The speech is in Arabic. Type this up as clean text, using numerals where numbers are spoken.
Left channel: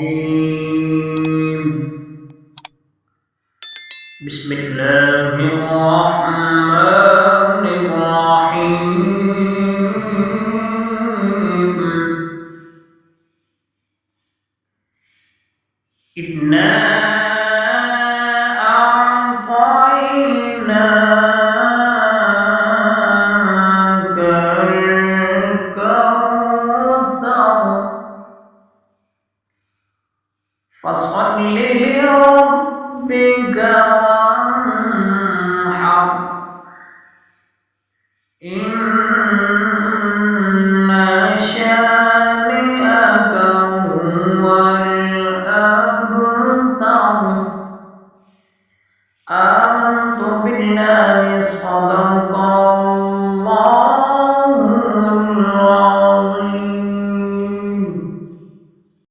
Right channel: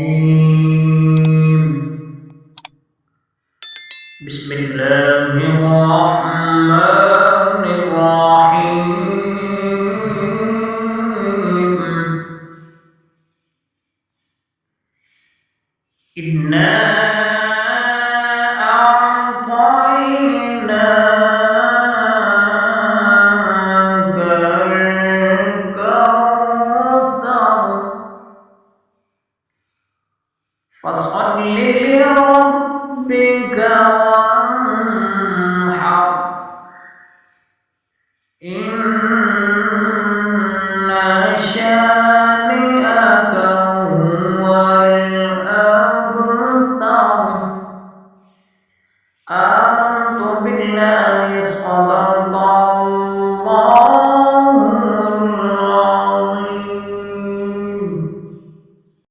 الرجيم بسم الله الرحمن الرحيم إنا أعطيناك الكوثر فصل لربك وانحر إن شانئك هو الأبتر. آمنت بالله صدق